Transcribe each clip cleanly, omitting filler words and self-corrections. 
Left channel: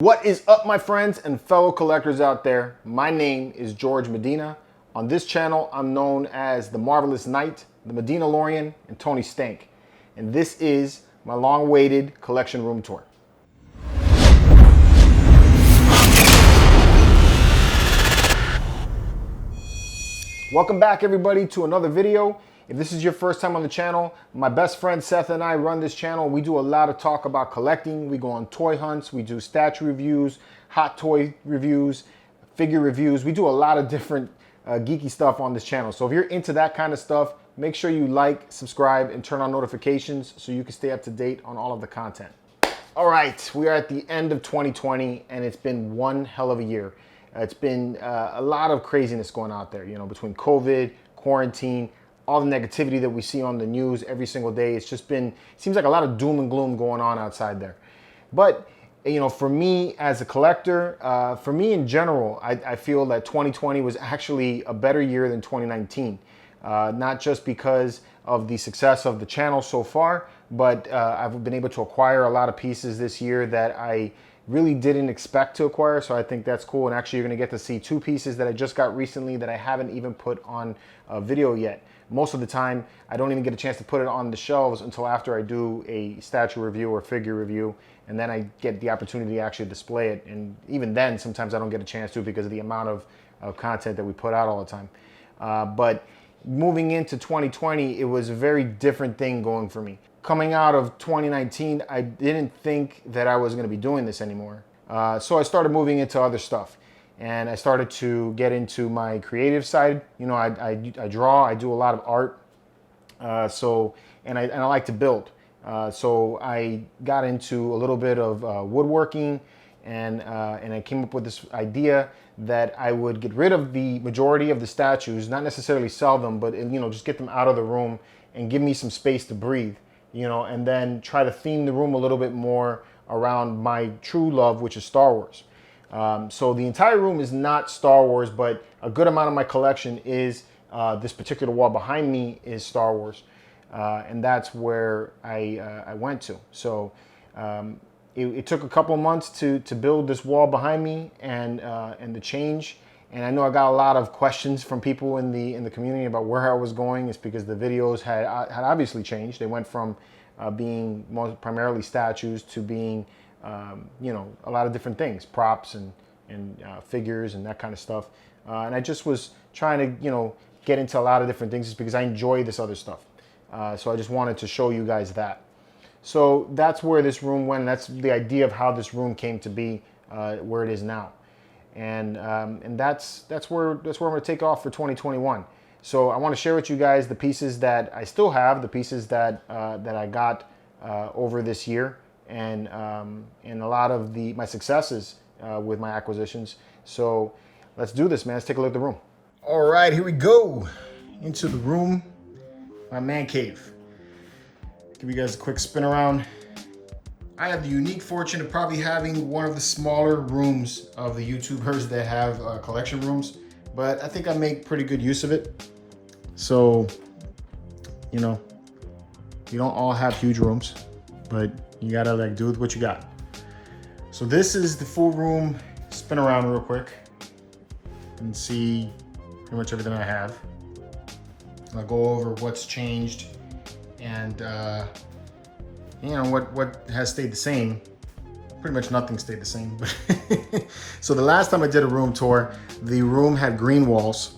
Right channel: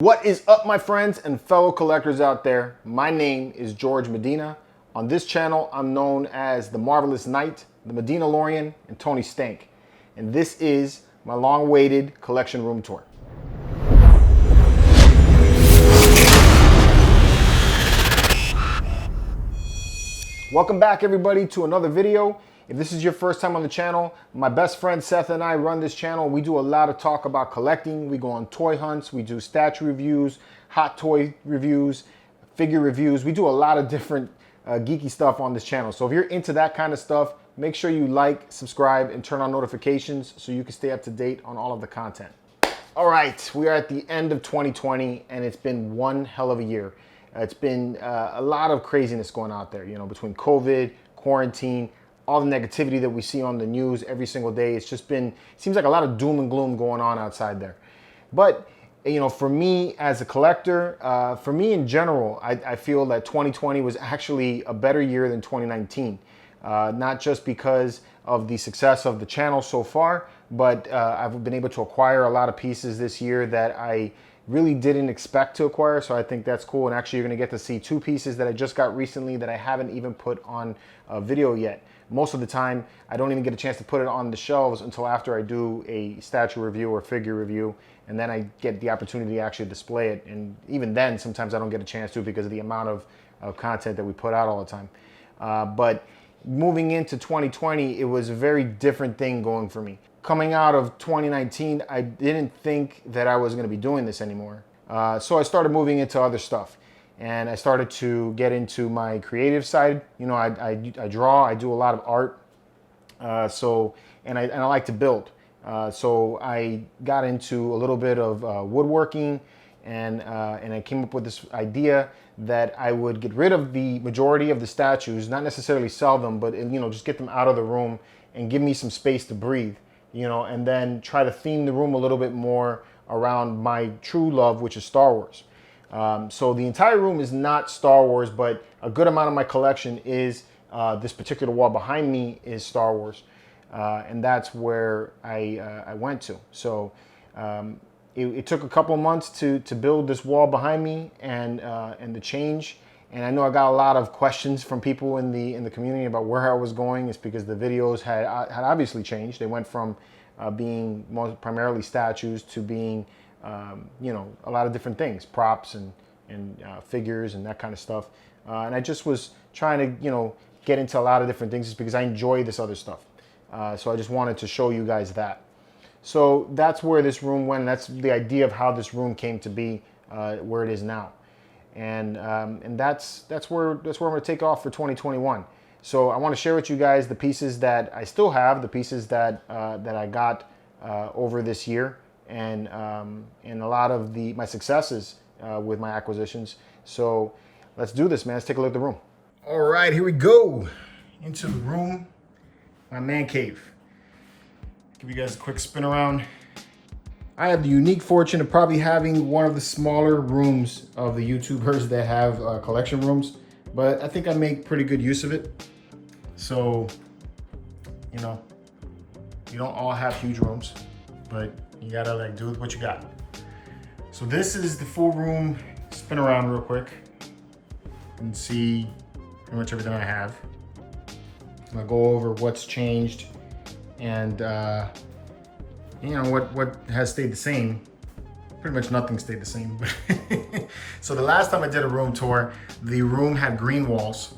What is up, my friends and fellow collectors out there? My name is George Medina. On this channel, I'm known as the Marvelous Knight, the Medina Lorian, and Tony Stank. And this is my long-awaited collection room tour. Welcome back, everybody, to another video. If this is your first time on the channel, my best friend Seth and I run this channel. We do a lot of talk about collecting. We go on toy hunts, we do statue reviews, hot toy reviews, figure reviews. We do a lot of different geeky stuff on this channel. So if you're into that kind of stuff, make sure you like, subscribe, and turn on notifications so you can stay up to date on all of the content. All right, we are at the end of 2020 and it's been one hell of a year. It's been a lot of craziness going out there, between COVID, quarantine, all the negativity that we see on the news every single day. It's just been, seems like a lot of doom and gloom going on outside there. But, for me as a collector, for me in general, I feel that 2020 was actually a better year than 2019. Not just because of the success of the channel so far, but I've been able to acquire a lot of pieces this year that I really didn't expect to acquire, so I think that's cool. And actually, you're gonna get to see two pieces that I just got recently that I haven't even put on a video yet. Most of the time, I don't even get a chance to put it on the shelves until after I do a statue review or figure review, and then I get the opportunity to actually display it. And even then, sometimes I don't get a chance to because of the amount of content that we put out all the time. But moving into 2020, it was a very different thing going for me. Coming out of 2019, I didn't think that I was going to be doing this anymore. So I started moving into other stuff. And I started to get into my creative side. I draw, I do a lot of art. And I like to build. So I got into a little bit of woodworking, and I came up with this idea that I would get rid of the majority of the statues, not necessarily sell them, but just get them out of the room and give me some space to breathe, and then try to theme the room a little bit more around my true love, which is Star Wars. So the entire room is not Star Wars, but a good amount of my collection is this particular wall behind me is Star Wars. And that's where I went to. So it took a couple of months to build this wall behind me and the change. And I know I got a lot of questions from people in the community about where I was going. It's because the videos had obviously changed. They went from being primarily statues to being a lot of different things, props and figures and that kind of stuff. And I just was trying to, get into a lot of different things just because I enjoy this other stuff. So I just wanted to show you guys that. So that's where this room went. And that's the idea of how this room came to be where it is now. And that's where I'm going to take off for 2021. So I want to share with you guys the pieces that I still have, the pieces that I got over this year, and a lot of my successes with my acquisitions. So let's do this, man. Let's take a look at the room. All right, here we go. Into the room, my man cave. Give you guys a quick spin around. I have the unique fortune of probably having one of the smaller rooms of the YouTubers that have collection rooms, but I think I make pretty good use of it. So, you don't all have huge rooms, but you gotta do what you got. So this is the full room. Spin around real quick and see pretty much everything I have. I'll go over what's changed and what has stayed the same. Pretty much nothing stayed the same. So the last time I did a room tour, the room had green walls,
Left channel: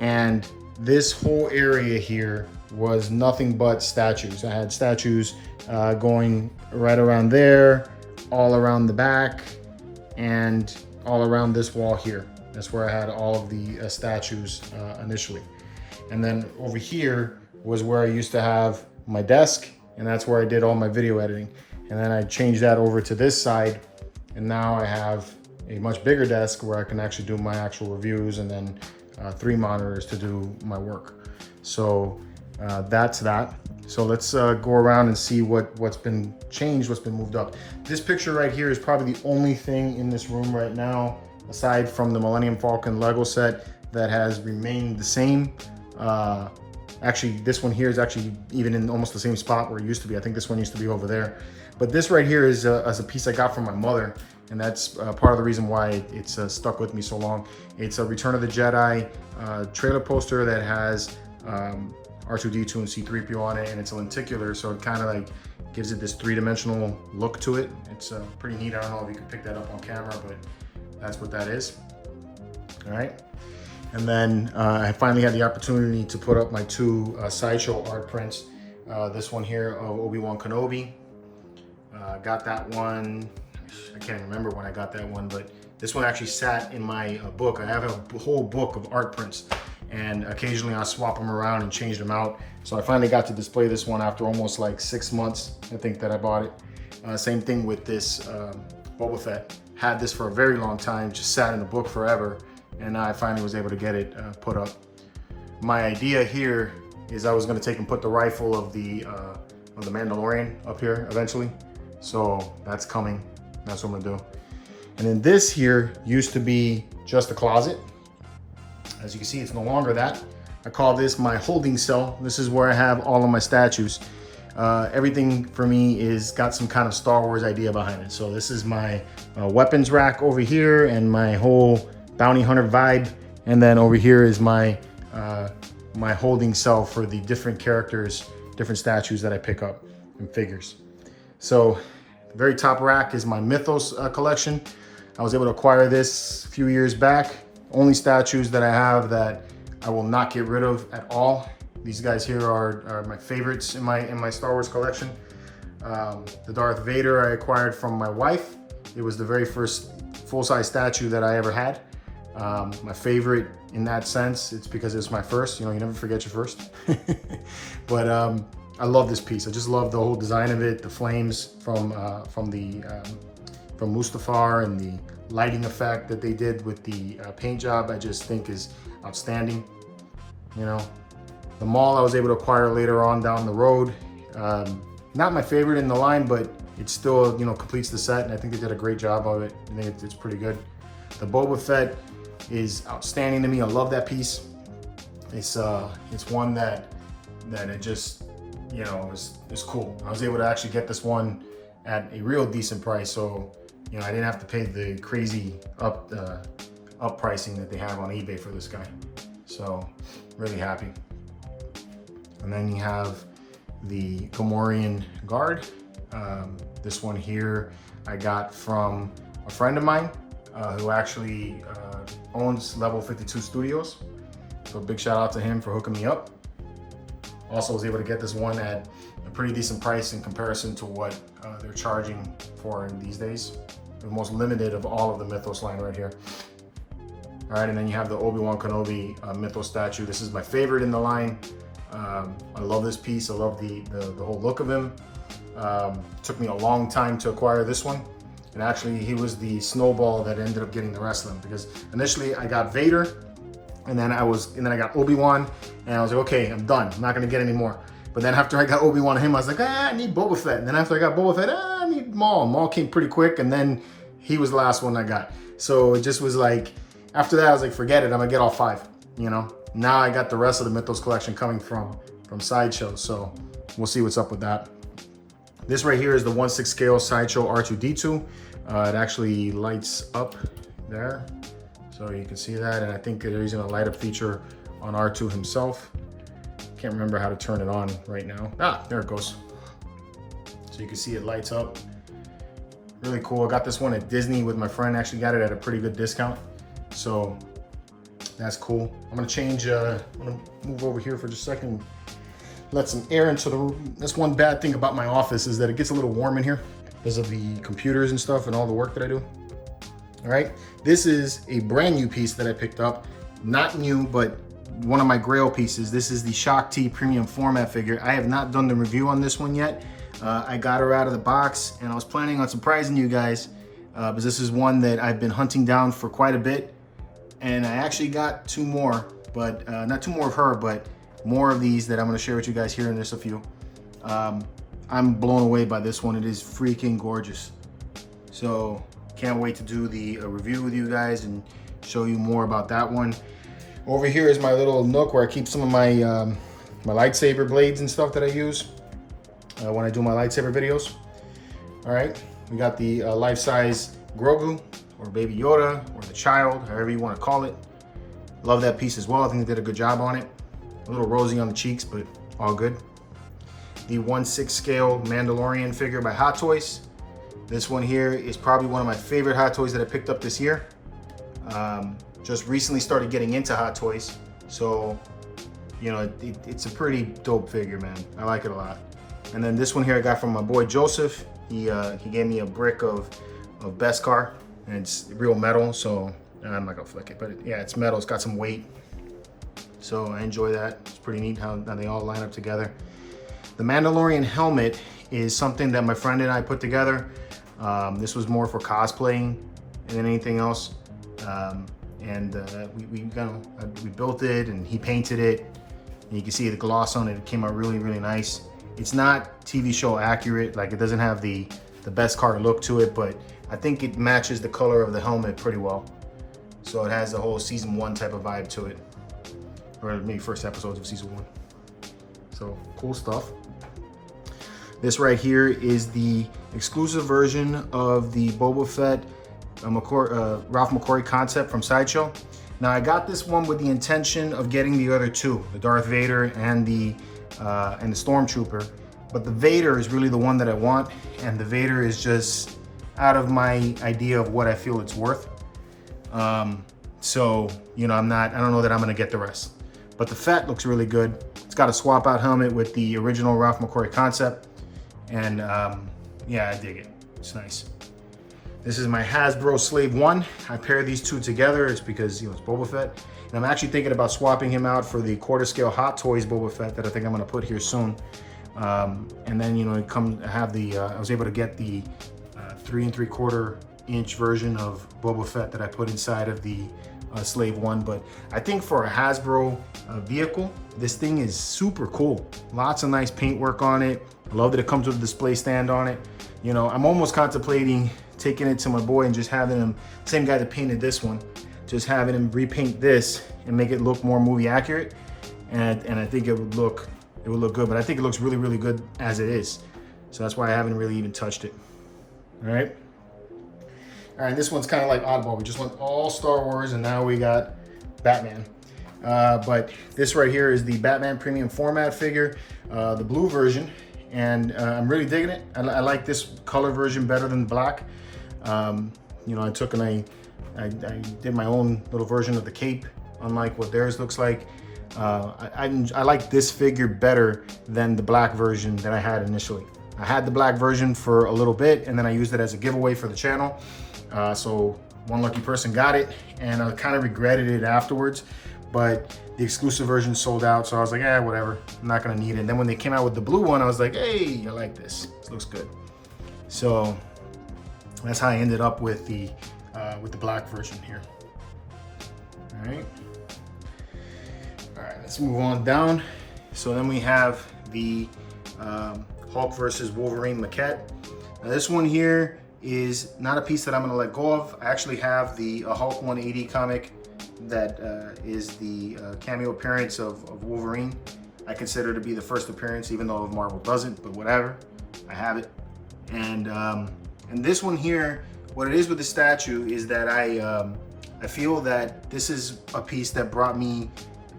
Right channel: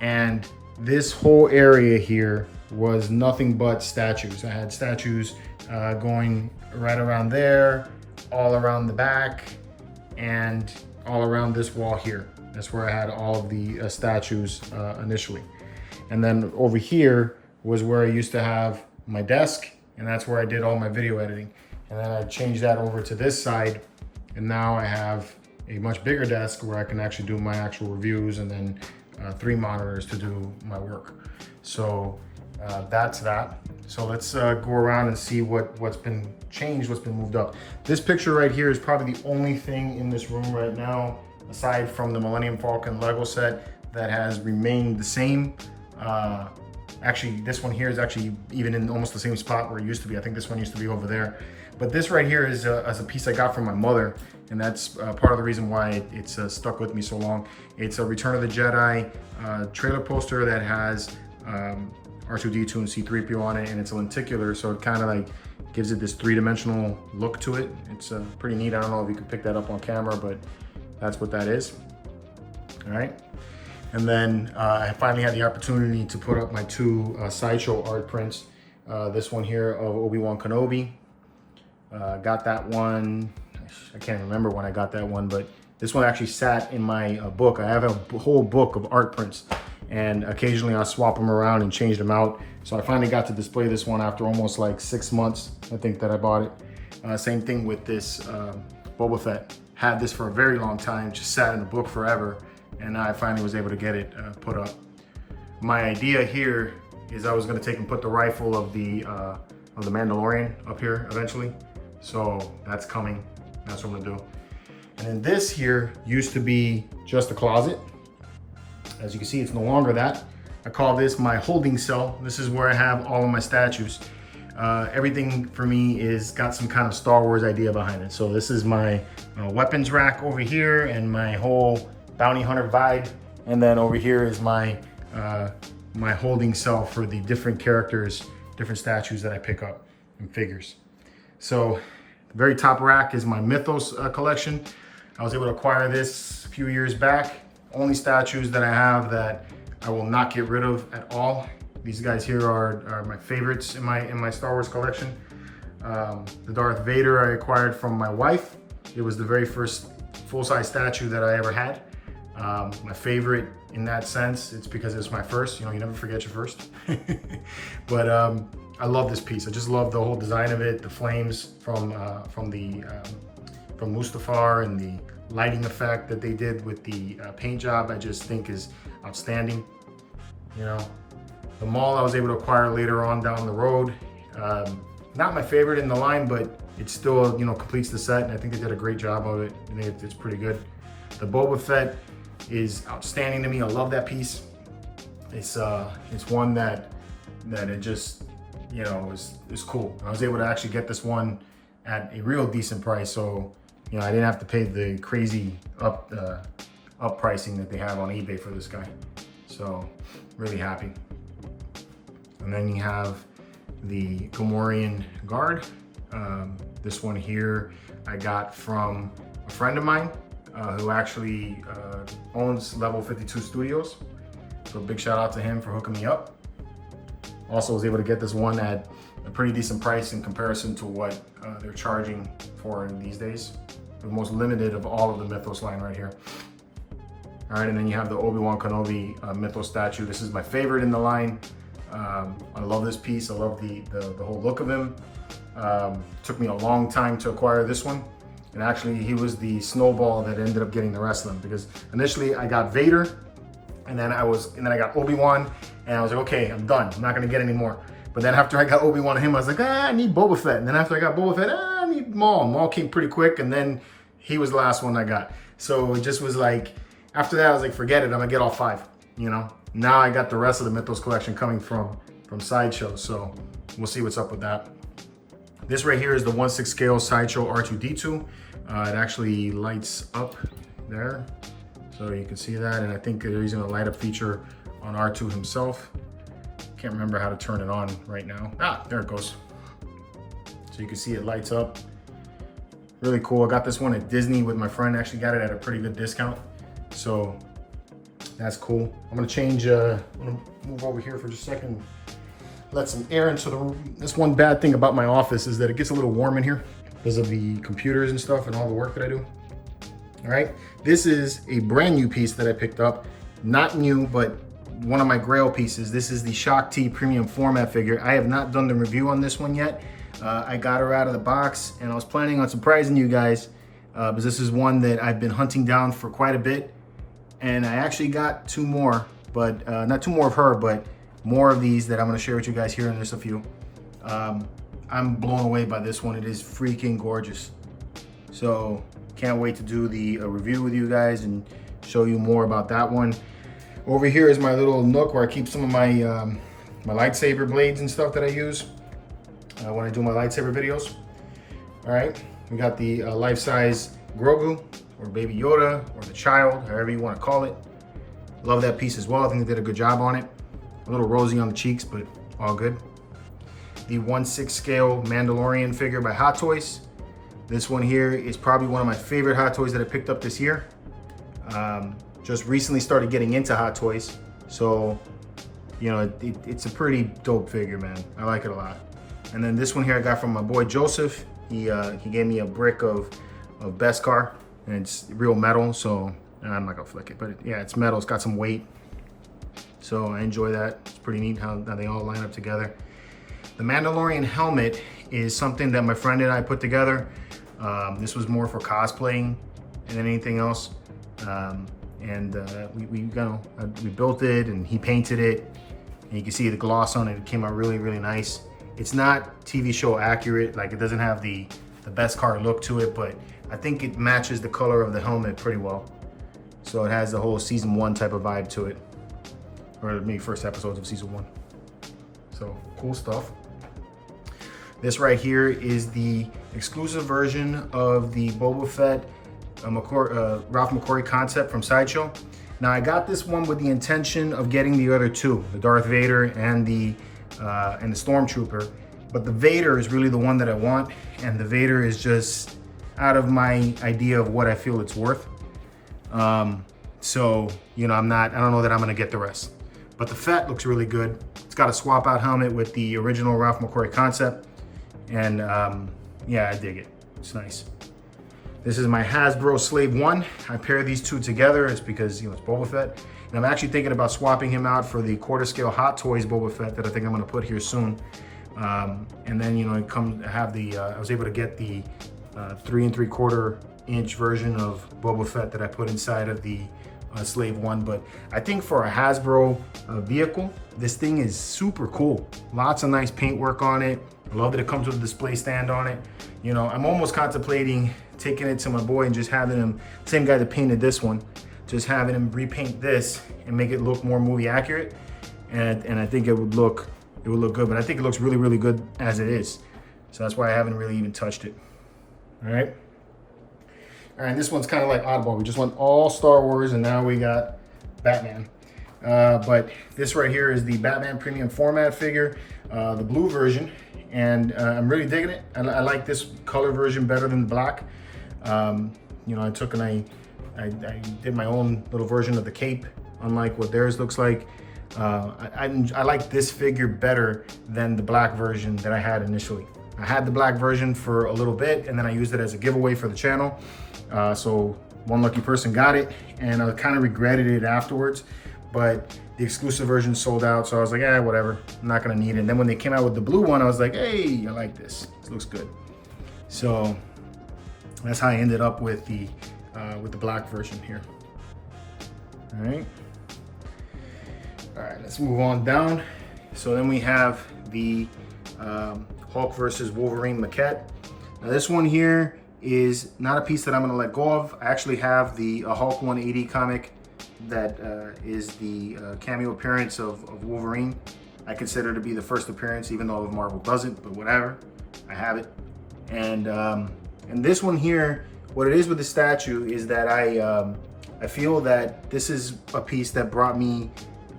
and this whole area here was nothing but statues. I had statues going right around there, all around the back, and all around this wall here. That's where I had all of the statues initially. And then over here was where I used to have my desk, and that's where I did all my video editing. And then I changed that over to this side, and now I have a much bigger desk where I can actually do my actual reviews, and then 3 monitors to do my work. So that's that. So let's go around and see what's been changed, what's been moved up. This picture right here is probably the only thing in this room right now, aside from the Millennium Falcon Lego set, that has remained the same. Actually, this one here is actually even in almost the same spot where it used to be. I think this one used to be over there. But this right here is a piece I got from my mother, and that's part of the reason why it's stuck with me so long. It's a Return of the Jedi trailer poster that has R2-D2 and C-3PO on it, and it's a lenticular, so it kind of like gives it this three-dimensional look to it. It's pretty neat. I don't know if you can pick that up on camera, but that's what that is. All right. And then I finally had the opportunity to put up my two Sideshow art prints. This one here of Obi-Wan Kenobi. Got that one, I can't remember when I got that one, but this one actually sat in my book. I have a whole book of art prints, and occasionally I swap them around and change them out. So I finally got to display this one after almost like 6 months, I think, that I bought it. Same thing with this Boba Fett. Had this for a very long time, just sat in the book forever, and I finally was able to get it put up. My idea here is I was gonna take and put the rifle of the Mandalorian up here eventually. So that's coming, that's what I'm gonna do. And then this here used to be just a closet. As you can see, it's no longer that. I call this my holding cell. This is where I have all of my statues. Everything for me is got some kind of Star Wars idea behind it. So this is my weapons rack over here and my whole bounty hunter vibe. And then over here is my my holding cell for the different characters, different statues that I pick up and figures. So the very top rack is my Mythos collection. I was able to acquire this a few years back. Only statues that I have that I will not get rid of at all. These guys here are my favorites in my Star Wars collection. The Darth Vader I acquired from my wife. It was the very first full-size statue that I ever had. My favorite in that sense, it's because it's my first. You know, you never forget your first. But I love this piece. I just love the whole design of it. The flames from Mustafar and the lighting effect that they did with the paint job, I just think is outstanding. You know, the Maul I was able to acquire later on down the road. Not my favorite in the line, but it still, you know, completes the set, and I think they did a great job of it. I think it's pretty good. The Boba Fett is outstanding to me. I love that piece. It's one that it just, you know, is cool. I was able to actually get this one at a real decent price, so you know, I didn't have to pay the crazy up pricing that they have on eBay for this guy. So really happy. And then you have the Gamorrean Guard. This one here I got from a friend of mine who actually owns Level 52 Studios. So big shout out to him for hooking me up. Also was able to get this one at a pretty decent price in comparison to what they're charging for these days. The most limited of all of the Mythos line right here. All right, and then you have the Obi-Wan Kenobi Mythos statue. This is my favorite in the line. I love this piece. I love the whole look of him. Took me a long time to acquire this one. And actually, he was the snowball that ended up getting the rest of them, because initially I got Vader, and then I got Obi-Wan, and I was like, okay, I'm done. I'm not gonna get any more. But then after I got Obi-Wan and him, I was like, I need Boba Fett. And then after I got Boba Fett, I need Maul. Maul came pretty quick, and then he was the last one I got. So it just was like, after that, I was like, forget it, I'm gonna get all 5, you know? Now I got the rest of the Mythos collection coming from Sideshow, so we'll see what's up with that. This right here is the 1/6 scale Sideshow R2-D2. It actually lights up there, so you can see that, and I think they're using a light up feature on R2 himself. Can't remember how to turn it on right now. Ah, there it goes. So you can see it lights up. Really cool. I got this one at Disney with my friend. Actually got it at a pretty good discount. So that's cool. I'm gonna change, I'm gonna move over here for just a second. Let some air into the room. That's one bad thing about my office, is that it gets a little warm in here because of the computers and stuff and all the work that I do. All right, this is a brand new piece that I picked up. Not new, but one of my grail pieces. This is the Shock T premium format figure. I have not done the review on this one yet. I got her out of the box, and I was planning on surprising you guys because this is one that I've been hunting down for quite a bit. And I actually got 2 more, but not 2 more of her, but more of these that I'm gonna share with you guys here in just a few. I'm blown away by this one. It is freaking gorgeous. So can't wait to do the review with you guys and show you more about that one. Over here is my little nook where I keep some of my my lightsaber blades and stuff that I use when I do my lightsaber videos. All right, we got the life-size Grogu, or Baby Yoda, or the child, however you want to call it. Love that piece as well. I think they did a good job on it. A little rosy on the cheeks, but all good. The 1/6 scale Mandalorian figure by Hot Toys. This one here is probably one of my favorite Hot Toys that I picked up this year. Just recently started getting into Hot Toys, so you know it's a pretty dope figure, man. I like it a lot. And then this one here I got from my boy Joseph. He gave me a brick of Beskar, and it's real metal, so I'm not gonna flick it, but yeah, it's metal. It's got some weight, so I enjoy that. It's pretty neat how they all line up together. The Mandalorian helmet is something that my friend and I put together. This was more for cosplaying than anything else. We built it, and he painted it, and you can see the gloss on it. It came out really, really nice. It's not TV show accurate, like it doesn't have the Beskar look to it, but I think it matches the color of the helmet pretty well. So it has the whole season 1 type of vibe to it, or maybe first episodes of season 1. So cool stuff. This right here is the exclusive version of the Boba Fett Ralph McQuarrie concept from Sideshow. Now I got this one with the intention of getting the other two, the Darth Vader and the Stormtrooper, but the Vader is really the one that I want, and the Vader is just out of my idea of what I feel it's worth. So you know, I don't know that I'm gonna get the rest, but the Fett looks really good. It's got a swap out helmet with the original Ralph McQuarrie concept, and yeah, I dig it. It's nice. This is my Hasbro Slave 1. I pair these two together. It's because, you know, it's Boba Fett. And I'm actually thinking about swapping him out for the quarter scale Hot Toys Boba Fett that I think I'm gonna put here soon. And then, you know, I was able to get the 3 3/4 inch version of Boba Fett that I put inside of the Slave 1. But I think for a Hasbro vehicle, this thing is super cool. Lots of nice paint work on it. I love that it comes with a display stand on it. You know, I'm almost contemplating taking it to my boy and just having him, same guy that painted this one, just having him repaint this and make it look more movie accurate. And I think it would look good, but I think it looks really, really good as it is. So that's why I haven't really even touched it. All right. All right, this one's kind of like oddball. We just went all Star Wars, and now we got Batman. But this right here is the Batman Premium Format figure, the blue version, and I'm really digging it. I like this color version better than black. You know, I took and I did my own little version of the cape, unlike what theirs looks like. I like this figure better than the black version that I had initially. I had the black version for a little bit, and then I used it as a giveaway for the channel. So one lucky person got it, and I kind of regretted it afterwards, but the exclusive version sold out, so I was like, whatever, I'm not gonna need it. And then when they came out with the blue one, I was like, hey, I like this. This looks good. So that's how I ended up with the black version here. All right, let's move on down. So then we have the Hulk versus Wolverine maquette. Now this one here is not a piece that I'm gonna let go of. I actually have the Hulk 180 comic that is the cameo appearance of Wolverine. I consider it to be the first appearance, even though Marvel doesn't, but whatever, I have it. And this one here, what it is with the statue is that I feel that this is a piece that brought me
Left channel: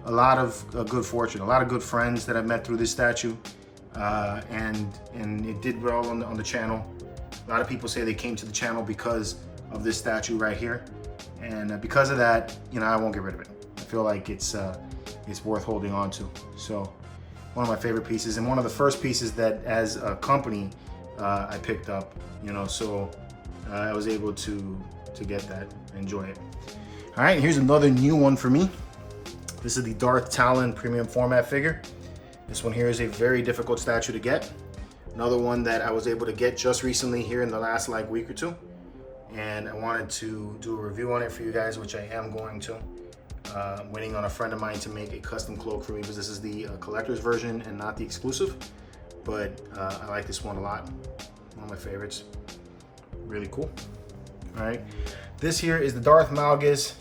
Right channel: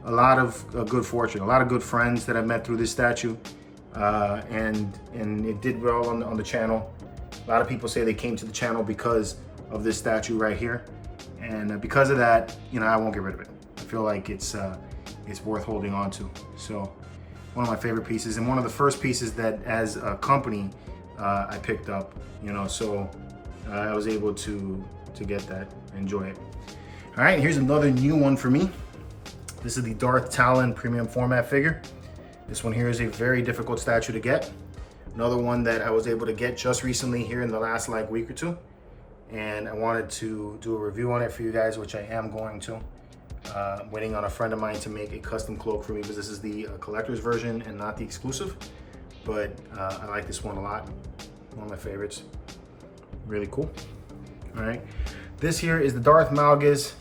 a lot of good fortune, a lot of good friends that I've met through this statue, and it did well on the channel. A lot of people say they came to the channel because of this statue right here, and because of that, you know, I won't get rid of it. I feel like it's worth holding on to. So one of my favorite pieces, and one of the first pieces that as a company I picked up, you know, so I was able to get that, enjoy it. All right, here's another new one for me. This is the Darth Talon Premium Format figure. This one here is a very difficult statue to get. Another one that I was able to get just recently here in the last like week or two. And I wanted to do a review on it for you guys, which I am going to. I'm waiting on a friend of mine to make a custom cloak for me, because this is the collector's version and not the exclusive. But I like this one a lot. One of my favorites. Really cool. All right. This here is the Darth Malgus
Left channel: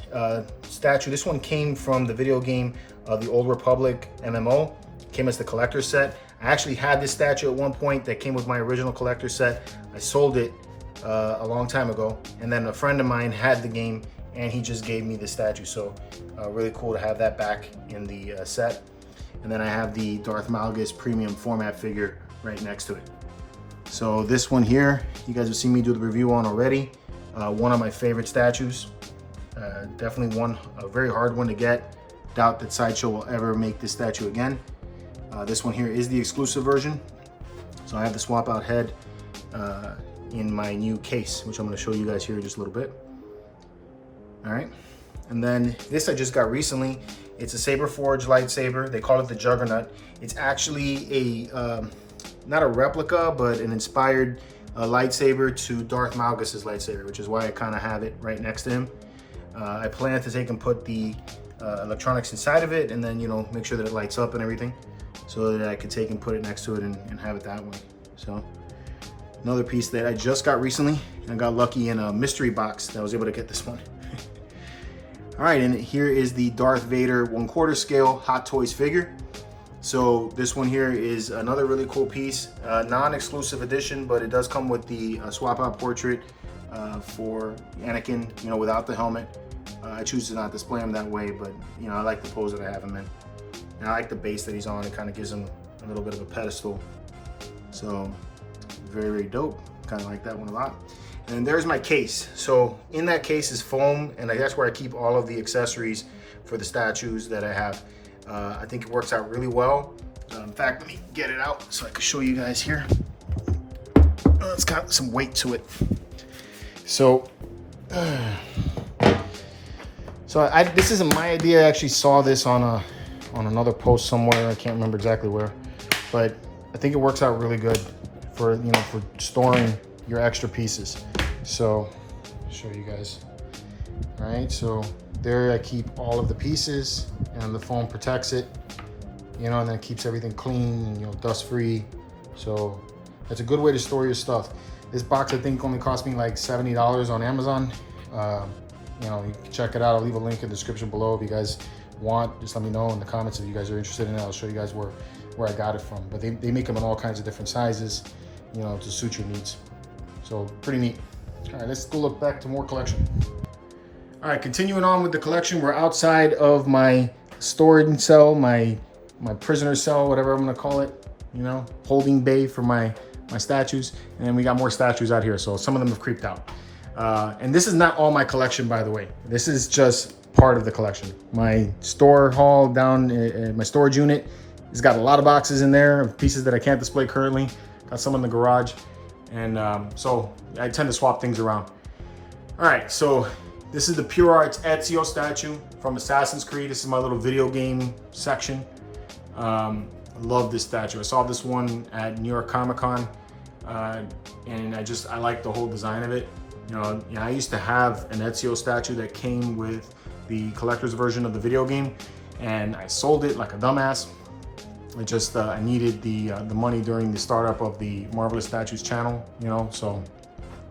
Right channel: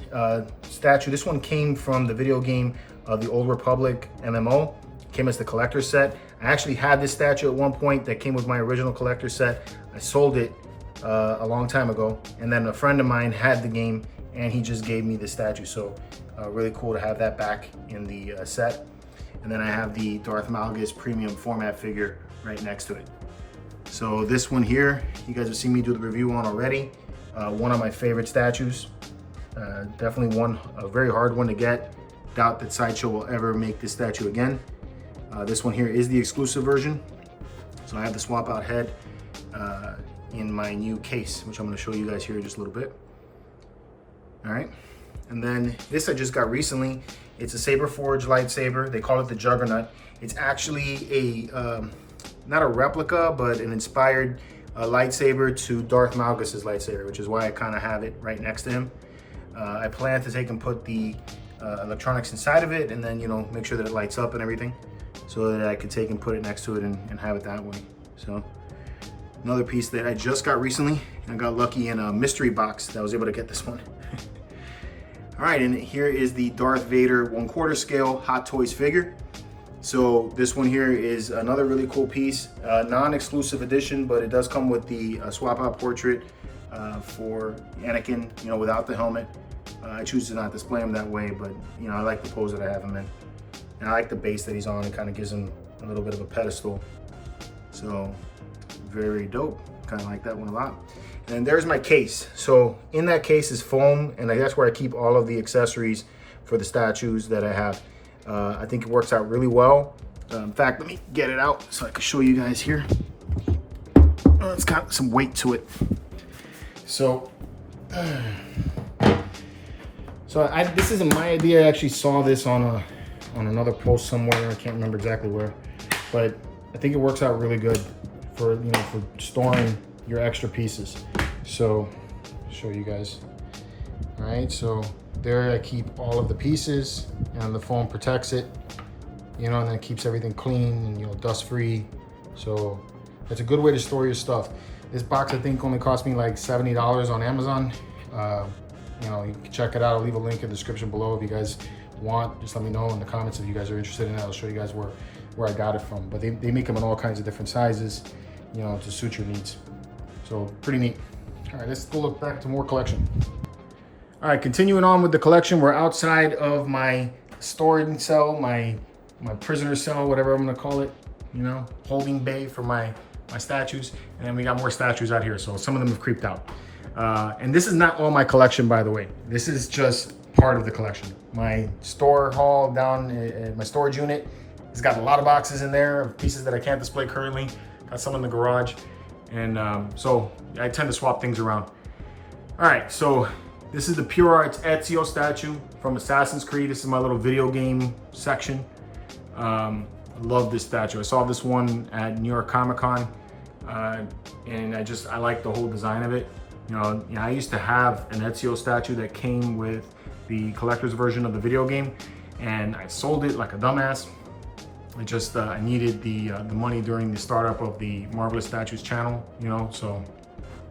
statue. This one came from the video game of the Old Republic MMO. Came as the collector's set. I I actually had this statue at one point that came with my original collector set. I sold it a long time ago, and then a friend of mine had the game and he just gave me the statue. So really cool to have that back in the set. And then I have the Darth Malgus premium format figure right next to it. So this one here, you guys have seen me do the review on already. One of my favorite statues. Definitely a very hard one to get. Doubt that Sideshow will ever make this statue again. This one here is the exclusive version. So I have the swap out head in my new case, which I'm gonna show you guys here in just a little bit. All right, and then this I just got recently. It's a Saber Forge lightsaber. They call it the Juggernaut. It's actually a, not a replica, but an inspired lightsaber to Darth Malgus's lightsaber, which is why I kind of have it right next to him. I plan to take and put the electronics inside of it, and then, you know, make sure that it lights up and everything, so that I could take and put it next to it and have it that way. So another piece that I just got recently, and I got lucky in a mystery box that I was able to get this one. All right, and here is the Darth Vader 1/4 scale Hot Toys figure. So this one here is another really cool piece, non-exclusive edition, but it does come with the swap out portrait for Anakin, you know, without the helmet. I choose to not display him that way, but you know, I like the pose that I have him in. And I like the base that he's on. It kind of gives him a little bit of a pedestal. So very dope. Kind of like that one a lot. And there's my case. So in that case is foam, and that's where I keep all of the accessories for the statues that I have. I think it works out really well. In fact, let me get it out so I can show you guys here. It's got some weight to it. So, this isn't my idea. I actually saw this on another post somewhere. I can't remember exactly where, but I think it works out really good for, you know, for storing your extra pieces. So, I'll show you guys. All right, so there I keep all of the pieces, and the foam protects it, you know, and then it keeps everything clean, you know, dust free. So that's a good way to store your stuff. This box I think only cost me like $70 on Amazon. You know, you can check it out. I'll leave a link in the description below if you guys want. Just let me know in the comments if you guys are interested in it. I'll show you guys where I got it from. But they make them in all kinds of different sizes, you know, to suit your needs. So pretty neat. All right, let's look back to more collection. All right, continuing on with the collection, we're outside of my storage cell, my prisoner cell, whatever I'm gonna call it, you know, holding bay for my statues. And we got more statues out here, so some of them have creeped out. And this is not all my collection, by the way. This is just part of the collection. My store hall down in my storage unit has got a lot of boxes in there of pieces that I can't display currently. Got some in the garage. And so I tend to swap things around. All right, so this is the Pure Arts Ezio statue from Assassin's Creed. This is my little video game section. I love this statue. I saw this one at New York Comic Con, and I like the whole design of it. You know, I used to have an Ezio statue that came with the collector's version of the video game, and I sold it like a dumbass. It just I needed the money during the startup of the Marvelous Statues channel, you know, so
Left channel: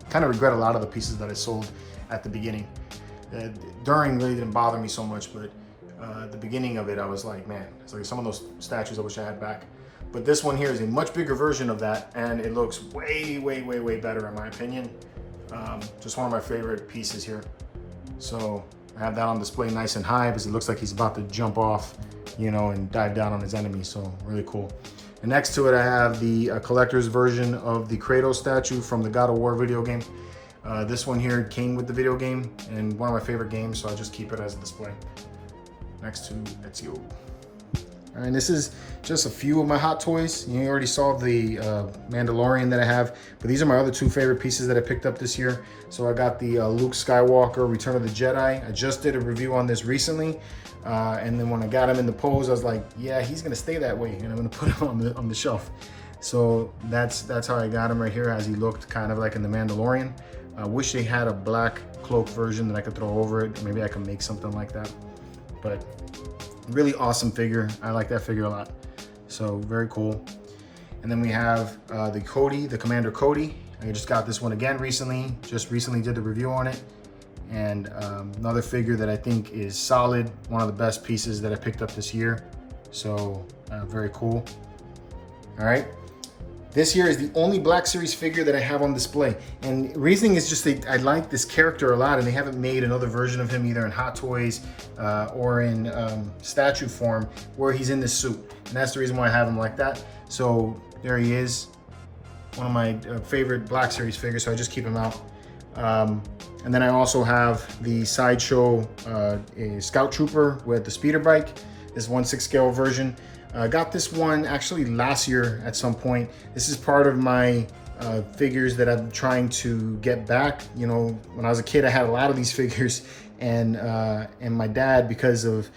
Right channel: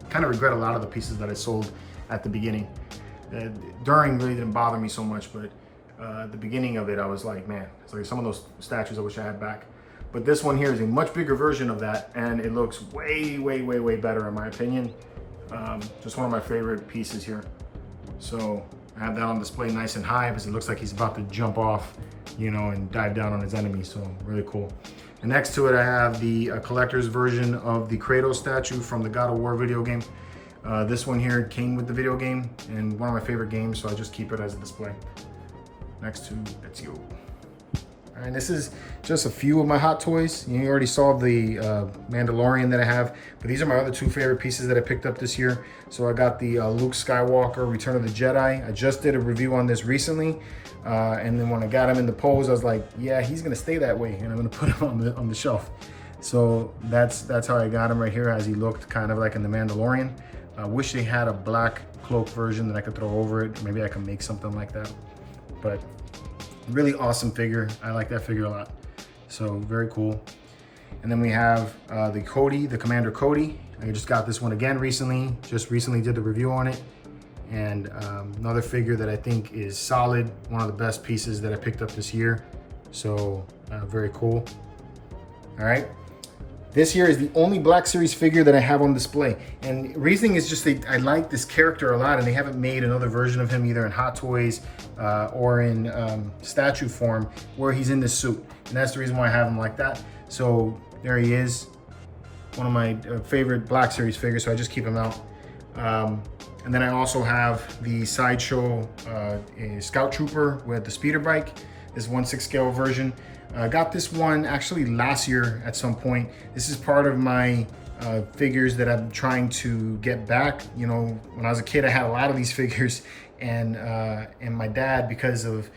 kind of regret a lot of the pieces that I sold at the beginning. During really didn't bother me so much, but at the beginning of it, I was like, man, it's like some of those statues I wish I had back. But this one here is a much bigger version of that, and it looks way, way, way, way better in my opinion. Just one of my favorite pieces here. So I have that on display nice and high because it looks like he's about to jump off, you know, and dive down on his enemy. So really cool. And next to it, I have the collector's version of the Kratos statue from the God of War video game. This one here came with the video game and one of my favorite games, so I just keep it as a display next to Ezio. All right, this is just a few of my Hot Toys. You already saw the Mandalorian that I have, but these are my other two favorite pieces that I picked up this year. So I got the Luke Skywalker Return of the Jedi. I just did a review on this recently, and then when I got him in the pose, I was like, yeah, he's gonna stay that way, and I'm gonna put him on the shelf. So that's how I got him right here, as he looked kind of like in the Mandalorian. I wish they had a black cloak version that I could throw over it. Maybe I can make something like that. But really awesome figure. I like that figure a lot. So very cool. And then we have the Cody, the Commander Cody. I just got this one again recently. Just recently did the review on it. And another figure that I think is solid. One of the best pieces that I picked up this year. So very cool. all right? This here is the only Black Series figure that I have on display. And reasoning is just I like this character a lot, and they haven't made another version of him either in Hot Toys or in statue form where he's in this suit. And that's the reason why I have him like that. So there he is, one of my favorite Black Series figures, so I just keep him out. And then I also have the Sideshow Scout Trooper with the speeder bike, this 1/6 scale version. I got this one actually last year at some point. This is part of my figures that I'm trying to get back. You know, when I was a kid, I had a lot of these figures, and my dad, because of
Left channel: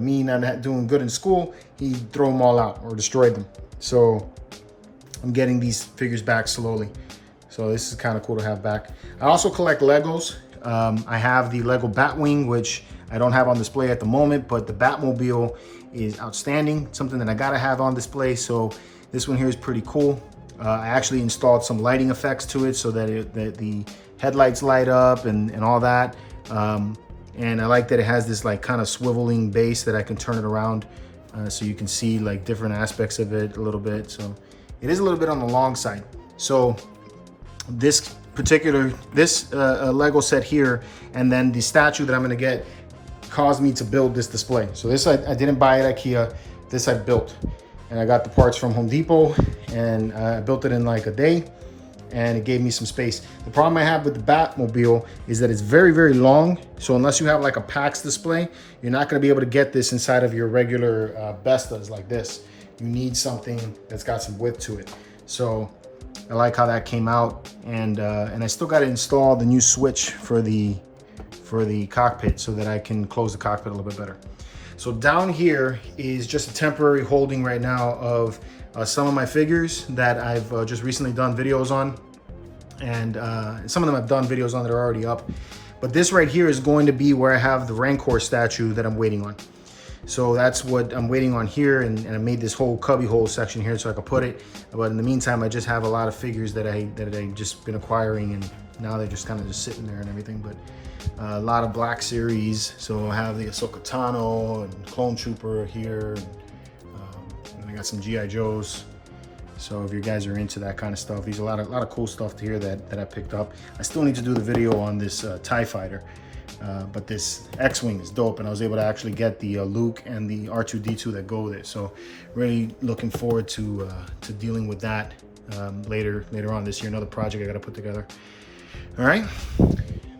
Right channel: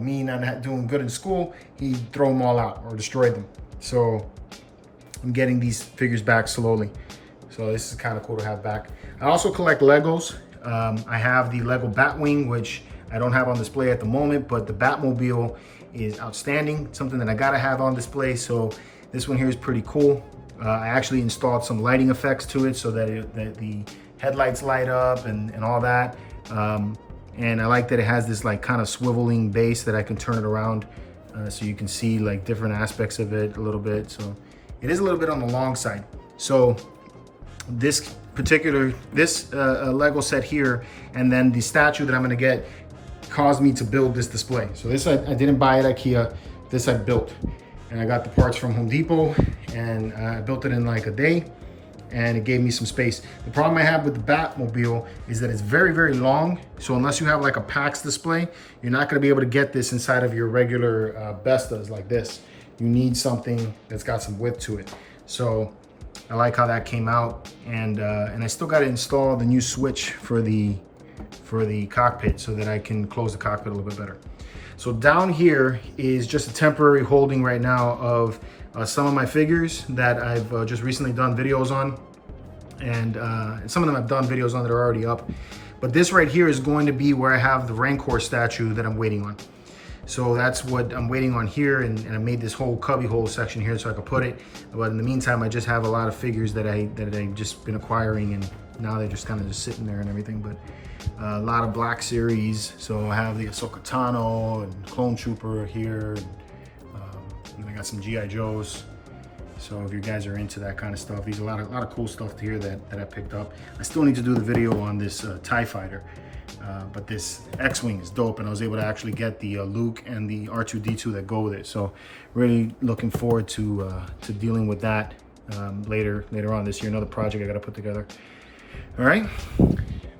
me not doing good in school, he'd throw them all out or destroyed them. So I'm getting these figures back slowly. So this is kind of cool to have back. I also collect Legos. I have the Lego Batwing, which I don't have on display at the moment, but the Batmobile is outstanding, something that I gotta have on display. So this one here is pretty cool. I actually installed some lighting effects to it so that, the headlights light up and all that. And I like that it has this like kind of swiveling base that I can turn it around so you can see like different aspects of it a little bit. So it is a little bit on the long side. So this particular, Lego set here, and then the statue that I'm gonna get caused me to build this display. So this I didn't buy at IKEA, this I built. And I got the parts from Home Depot, and I built it in like a day, and it gave me some space. The problem I have with the Batmobile is that it's very, very long. So unless you have like a PAX display, you're not gonna be able to get this inside of your regular Bestas like this. You need something that's got some width to it. So I like how that came out, and I still got to install the new switch for the cockpit so that I can close the cockpit a little bit better. So down here is just a temporary holding right now of some of my figures that I've just recently done videos on, and some of them I've done videos on that are already up. But this right here is going to be where I have the Rancor statue that I'm waiting on. So that's what I'm waiting on here, and I made this whole cubby hole section here so I could put it. But in the meantime, I just have a lot of figures that I've just been acquiring, and now they're just kind of just sitting there and everything. But a lot of Black Series. So I have the Ahsoka Tano and Clone Trooper here, and I got some GI Joes. So if you guys are into that kind of stuff, there's a lot of cool stuff here that I picked up. I still need to do the video on this TIE Fighter. But this X-Wing is dope, and I was able to actually get the Luke and the R2-D2 that go with it. So really looking forward to dealing with that later on this year. Another project I got to put together. All right,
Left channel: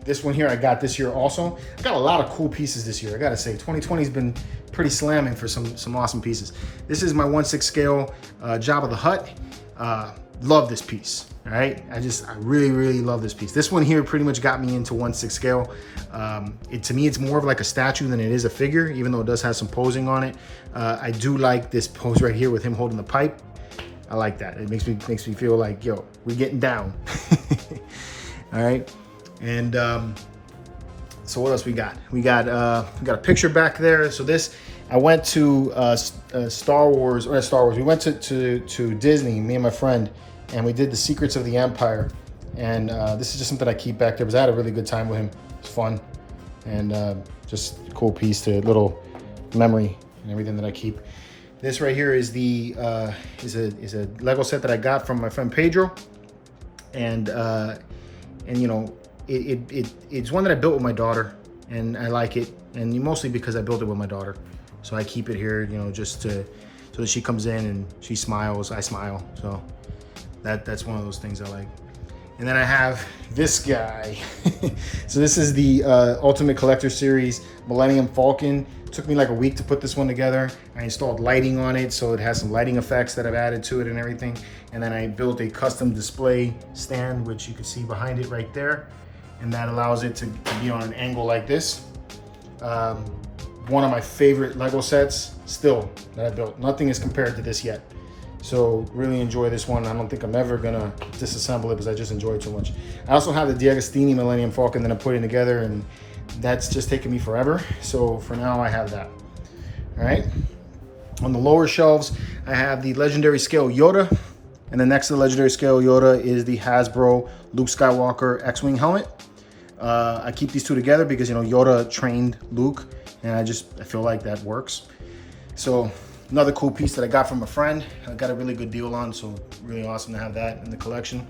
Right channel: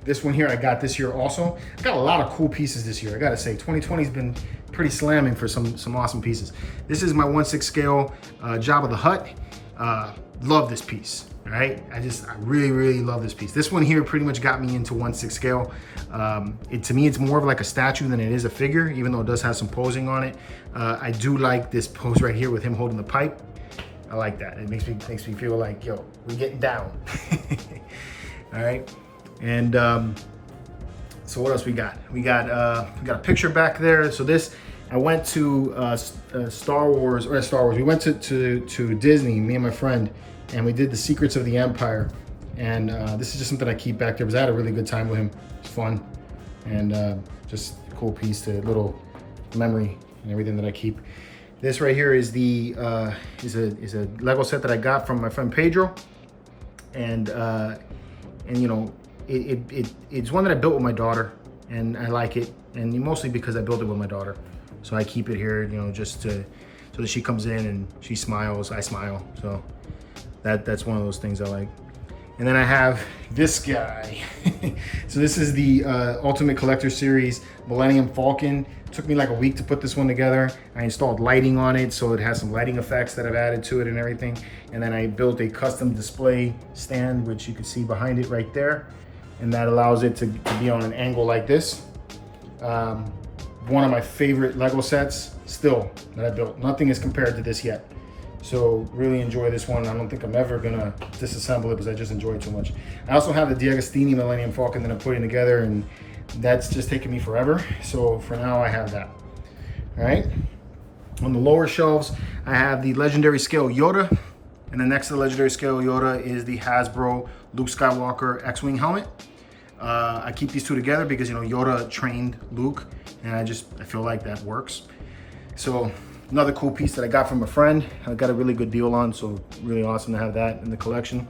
this one here I got this year also. I got a lot of cool pieces this year. I gotta say, 2020 has been pretty slamming for some awesome pieces. This is my 1/6 scale Jabba the Hutt. Love this piece. All right, I really love this piece. This one here pretty much got me into 1/6 scale. To me, it's more of like a statue than it is a figure, even though it does have some posing on it. I do like this pose right here with him holding the pipe. I like that. It makes me feel like, yo, we're getting down. All right, and so what else we got? We got a picture back there. So this, I went to Star Wars. We went to Disney, me and my friend, and we did the Secrets of the Empire. And this is just something I keep back there because I had a really good time with him. It's fun, and just a cool piece to little memory and everything that I keep. This right here is the is a Lego set that I got from my friend Pedro, and you know, it's one that I built with my daughter, and I like it, and mostly because I built it with my daughter. So I keep it here, you know, just so that she comes in and she smiles, I smile. So that's one of those things I like. And then I have this guy. So this is the Ultimate Collector Series Millennium Falcon. It took me like a week to put this one together. I installed lighting on it, so it has some lighting effects that I've added to it and everything. And then I built a custom display stand, which you can see behind it right there. And that allows it to be on an angle like this. One of my favorite Lego sets still that I built. Nothing is compared to this yet. So really enjoy this one. I don't think I'm ever gonna disassemble it because I just enjoy it too much. I also have the D'Agostini Millennium Falcon that I'm putting together, and that's just taken me forever. So for now I have that. All right. On the lower shelves, I have the Legendary Scale Yoda, and then next to the Legendary Scale Yoda is the Hasbro Luke Skywalker X-Wing helmet. I keep these two together because, you know, Yoda trained Luke, and I feel like that works. So Another cool piece that I got from a friend. I got a really good deal on, so really awesome to have that in the collection.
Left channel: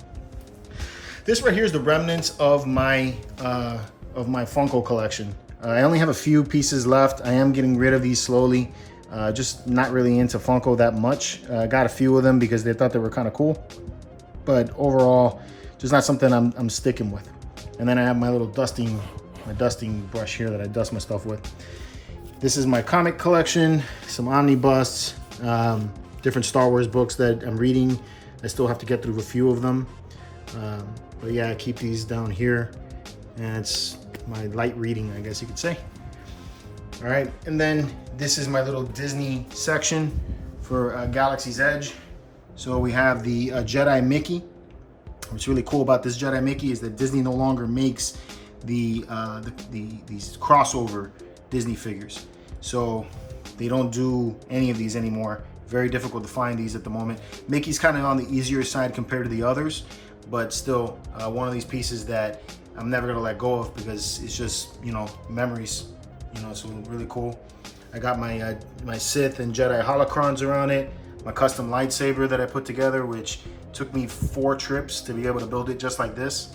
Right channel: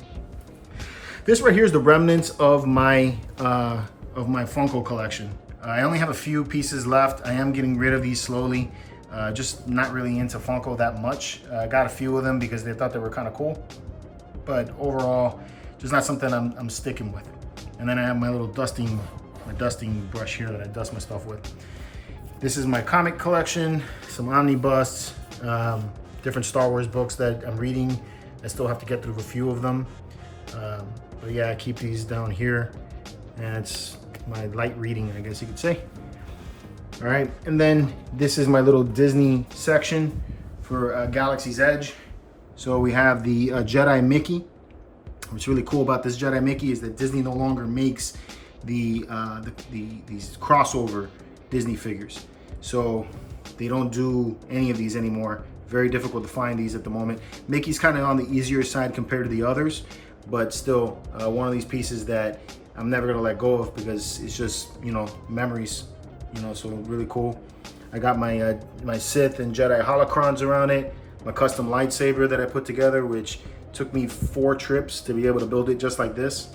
This right here is the remnants of my Funko collection. I only have a few pieces left. I am getting rid of these slowly. Just not really into Funko that much. I got a few of them because they thought they were kind of cool, but overall, just not something I'm sticking with. And then I have my little dusting brush here that I dust my stuff with. This is my comic collection, some omnibus, different Star Wars books that I'm reading. I still have to get through a few of them. But yeah, I keep these down here, and it's my light reading, I guess you could say. All right, and then this is my little Disney section for Galaxy's Edge. So we have the Jedi Mickey. What's really cool about this Jedi Mickey is that Disney no longer makes these crossover Disney figures. So they don't do any of these anymore. Very difficult to find these at the moment. Mickey's kind of on the easier side compared to the others, but still one of these pieces that I'm never gonna let go of because it's just, you know, memories, you know, so really cool. I got my my Sith and Jedi holocrons around it, my custom lightsaber that I put together, which took me 4 trips to be able to build it just like this,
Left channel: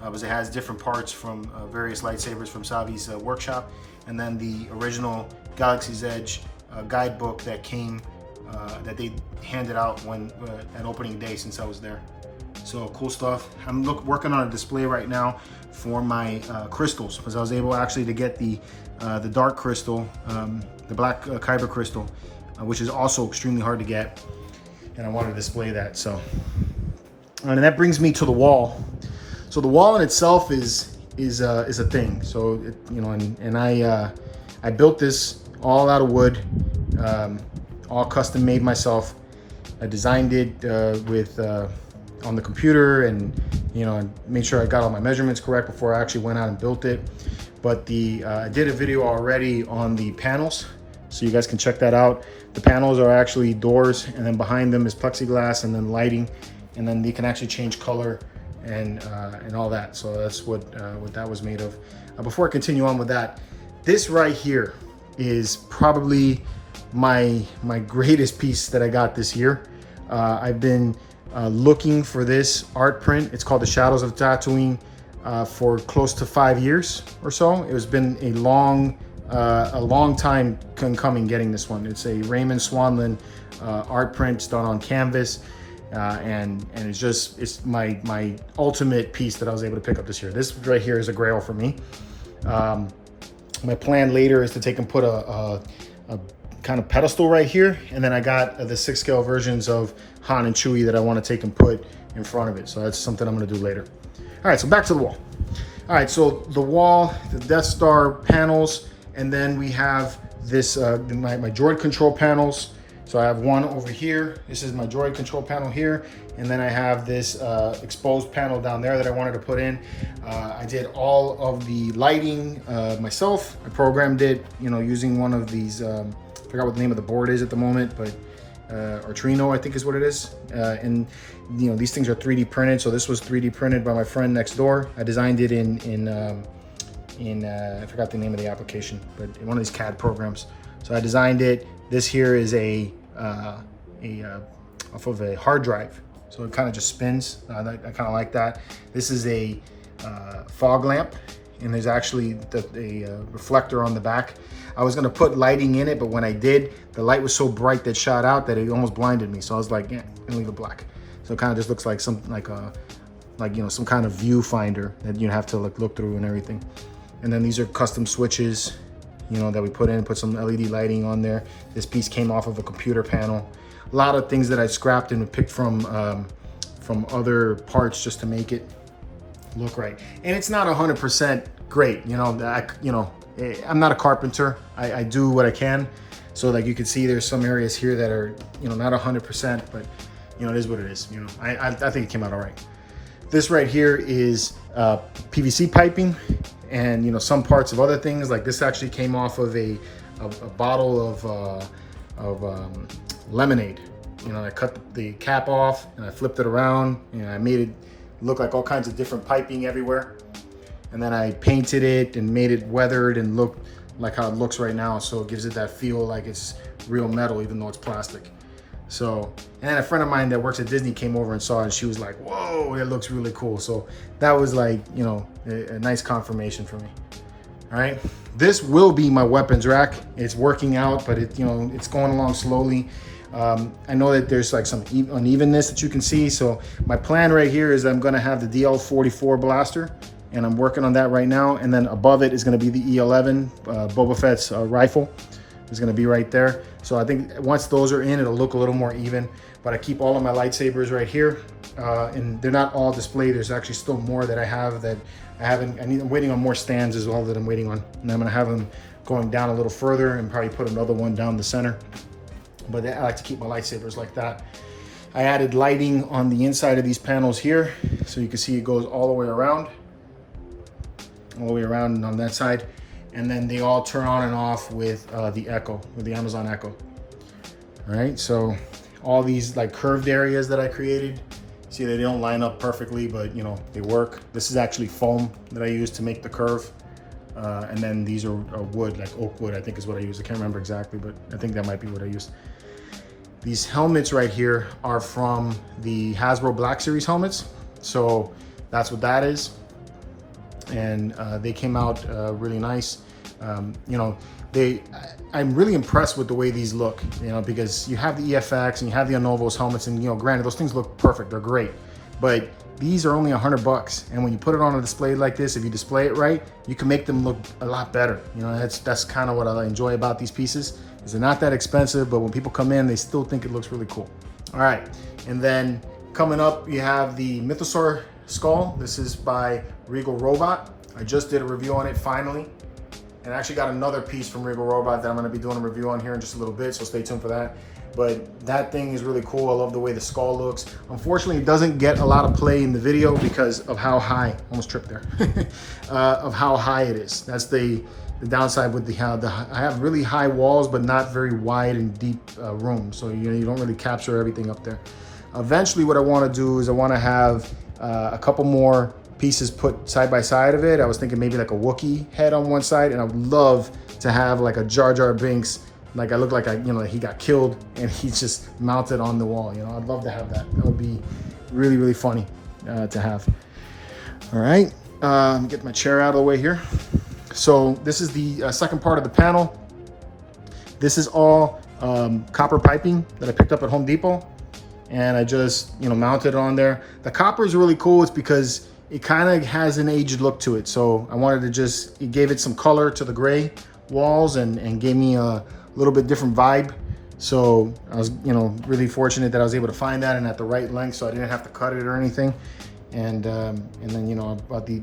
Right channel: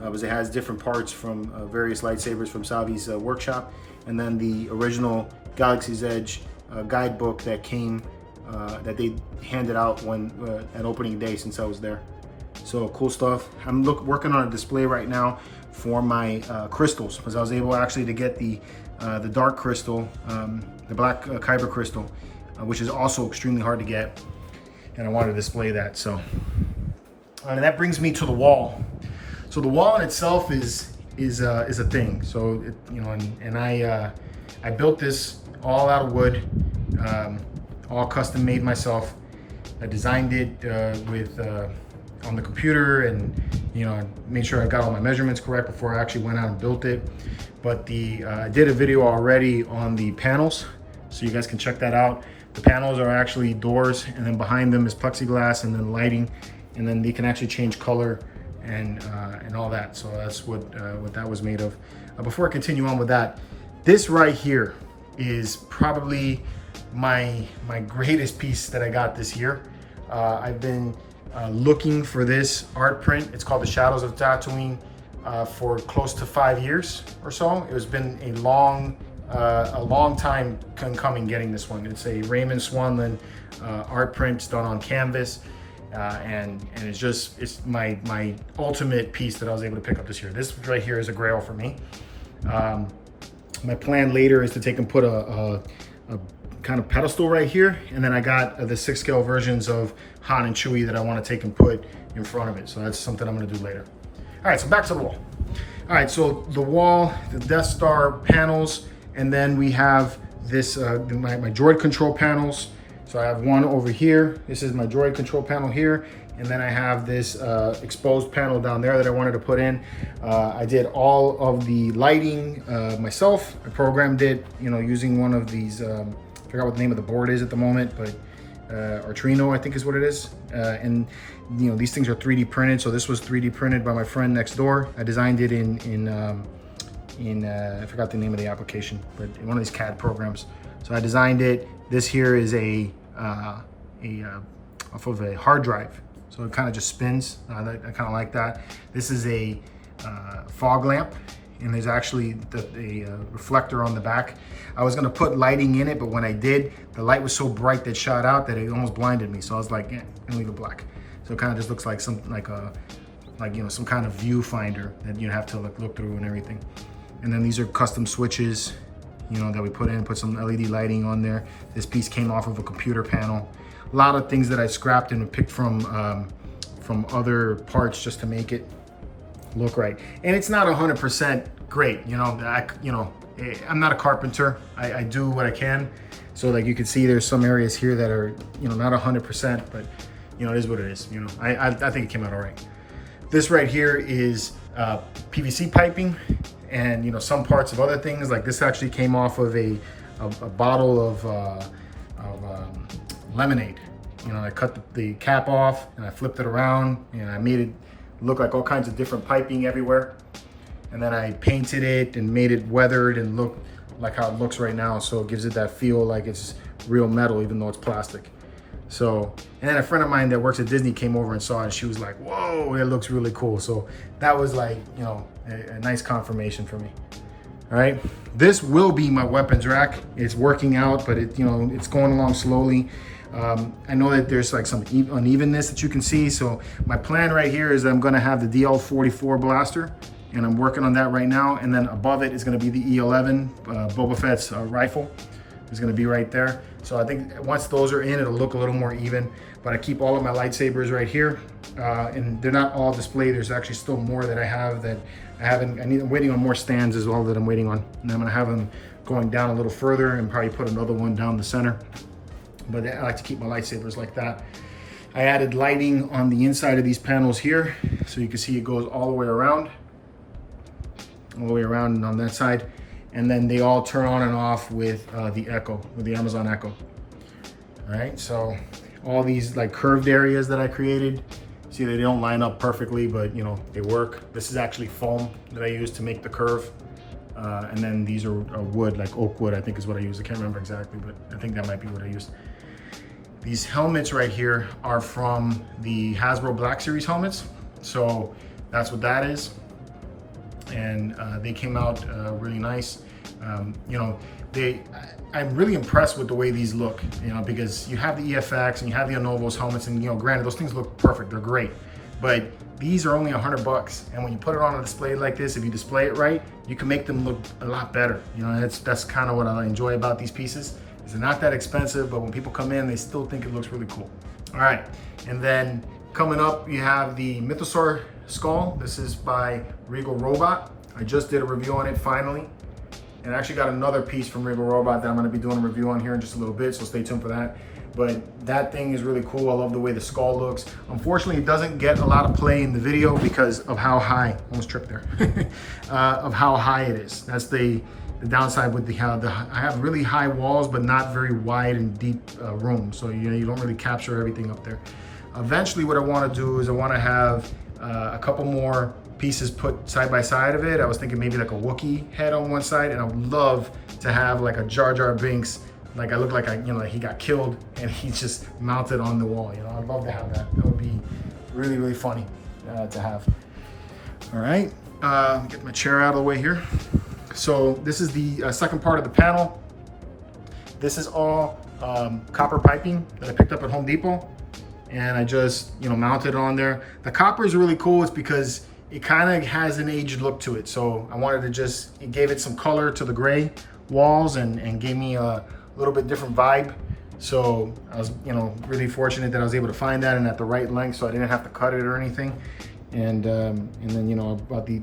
because it has different parts from various lightsabers from Savi's workshop, and then the original Galaxy's Edge guidebook that came, that they handed out when at opening day since I was there. So cool stuff. I'm working on a display right now for my crystals, because I was able actually to get the dark crystal, the black kyber crystal, which is also extremely hard to get, and I wanted to display that. So, and that brings me to the wall. So the wall in itself is a thing. So it, you know, and I built this all out of wood, all custom made myself. I designed it with on the computer, and you know, made sure I got all my measurements correct before I actually went out and built it. But I did a video already on the panels, so you guys can check that out. The panels are actually doors, and then behind them is plexiglass, and then lighting, and then you can actually change color and all that. So that's what that was made of. Before I continue on with that, this right here is probably my greatest piece that I got this year. I've been looking for this art print. It's called The Shadows of Tatooine for close to 5 years or so. It has been a long time coming getting this one. It's a Raymond Swanlin art print done on canvas, and it's my ultimate piece that I was able to pick up this year. This right here is a grail for me. My plan later is to take and put a kind of pedestal right here, and then I got the 6 scale versions of Han and Chewie that I want to take and put in front of it. So that's something I'm going to do later. All right, so back to the wall. All right, so the wall, the Death Star panels, and then we have this my droid control panels. So I have one over here. This is my droid control panel here, and then I have this exposed panel down there that I wanted to put in. I did all of the lighting myself. I programmed it, you know, using one of these. I forgot what the name of the board is at the moment, but Arduino, I think is what it is. And you know, these things are 3D printed. So this was 3D printed by my friend next door. I designed it in I forgot the name of the application, but in one of these CAD programs. So I designed it. This here is off of a hard drive. So it kind of just spins. I kind of like that. This is a fog lamp, and there's actually a reflector on the back. I was gonna put lighting in it, but when I did, the light was so bright that shot out that it almost blinded me. So I was like, and leave it black. So it kind of just looks like you know, some kind of viewfinder that you have to look through and everything. And then these are custom switches, you know, that we put some LED lighting on there. This piece came off of a computer panel. A lot of things that I scrapped and picked from other parts just to make it look right. And it's not 100% great, you know. I'm not a carpenter. I do what I can. So like you can see, there's some areas here that are, you know, not 100%, but you know, it is what it is. You know, I think it came out all right. This right here is PVC piping, and you know, some parts of other things. Like this actually came off of a bottle of lemonade. You know, I cut the cap off and I flipped it around, and I made it look like all kinds of different piping everywhere. And then I painted it and made it weathered and look like how it looks right now. So it gives it that feel like it's real metal, even though it's plastic. So, and then a friend of mine that works at Disney came over and saw it, and she was like, whoa, it looks really cool. So that was like, you know, a nice confirmation for me. All right, this will be my weapons rack. It's working out, but it, you know, it's going along slowly. I know that there's like some unevenness that you can see. So my plan right here is I'm gonna have the DL44 blaster, and I'm working on that right now. And then above it is gonna be the E11 Boba Fett's rifle. Is gonna be right there. So I think once those are in, it'll look a little more even. But I keep all of my lightsabers right here, and they're not all displayed. There's actually still more that I have that I haven't. I'm waiting on more stands as well that I'm waiting on, and I'm gonna have them going down a little further and probably put another one down the center. But I like to keep my lightsabers like that. I added lighting on the inside of these panels here, so you can see it goes all the way around and on that side. And then they all turn on and off with the Echo, with the Amazon Echo. All right, so all these like curved areas that I created, see they don't line up perfectly, but you know, they work. This is actually foam that I use to make the curve. And then these are wood, like oak wood, I think is what I use. I can't remember exactly, but I think that might be what I used. These helmets right here are from the Hasbro Black Series helmets. So that's what that is. And they came out really nice. You know, I'm really impressed with the way these look, you know, because you have the EFX and you have the Anovos helmets, and you know, granted, those things look perfect, they're great, but these are only $100. And when you put it on a display like this, if you display it right, you can make them look a lot better. You know, that's kind of what I enjoy about these pieces, is they're not that expensive, but when people come in, they still think it looks really cool. All right, and then coming up, you have the Mythosaur skull. This is by Regal Robot. I just did a review on it finally. And I actually got another piece from Regal Robot that I'm gonna be doing a review on here in just a little bit, so stay tuned for that. But that thing is really cool. I love the way the skull looks. Unfortunately, it doesn't get a lot of play in the video because of how high, almost tripped there, of how high it is. That's the downside with I have really high walls, but not very wide and deep rooms. So you don't really capture everything up there. Eventually, what I wanna do is I wanna have a couple more pieces put side by side of it. I was thinking maybe like a Wookiee head on one side, and I would love to have like a Jar Jar Binks, like I look like he got killed and he's just mounted on the wall. You know, I'd love to have that. That would be really, really funny to have. All right, get my chair out of the way here. So this is the second part of the panel. This is all copper piping that I picked up at Home Depot, and I just mounted it on there. The copper is really cool. It's because it kind of has an aged look to it. So I wanted to it gave it some color to the gray walls and gave me a little bit different vibe. So I was, really fortunate that I was able to find that and at the right length, so I didn't have to cut it or anything. And then, about the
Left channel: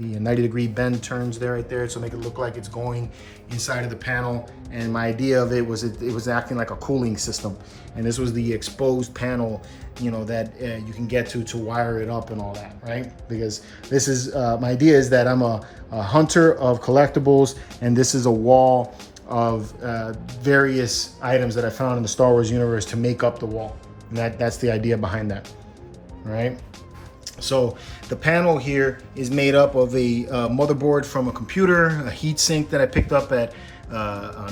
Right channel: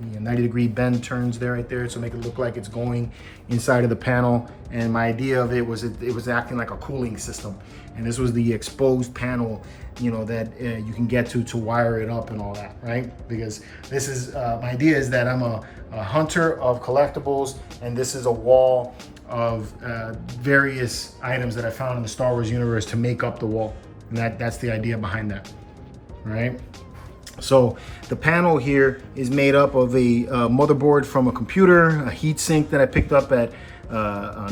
90-degree bend turns there right there, so make it look like it's going inside of the panel. And my idea of it was acting like a cooling system. And this was the exposed panel, that you can get to wire it up and all that, right? Because this is, my idea is that I'm a hunter of collectibles, and this is a wall of various items that I found in the Star Wars universe to make up the wall. And that's the idea behind that, right? So the panel here is made up of a motherboard from a computer, a heat sink that I picked up on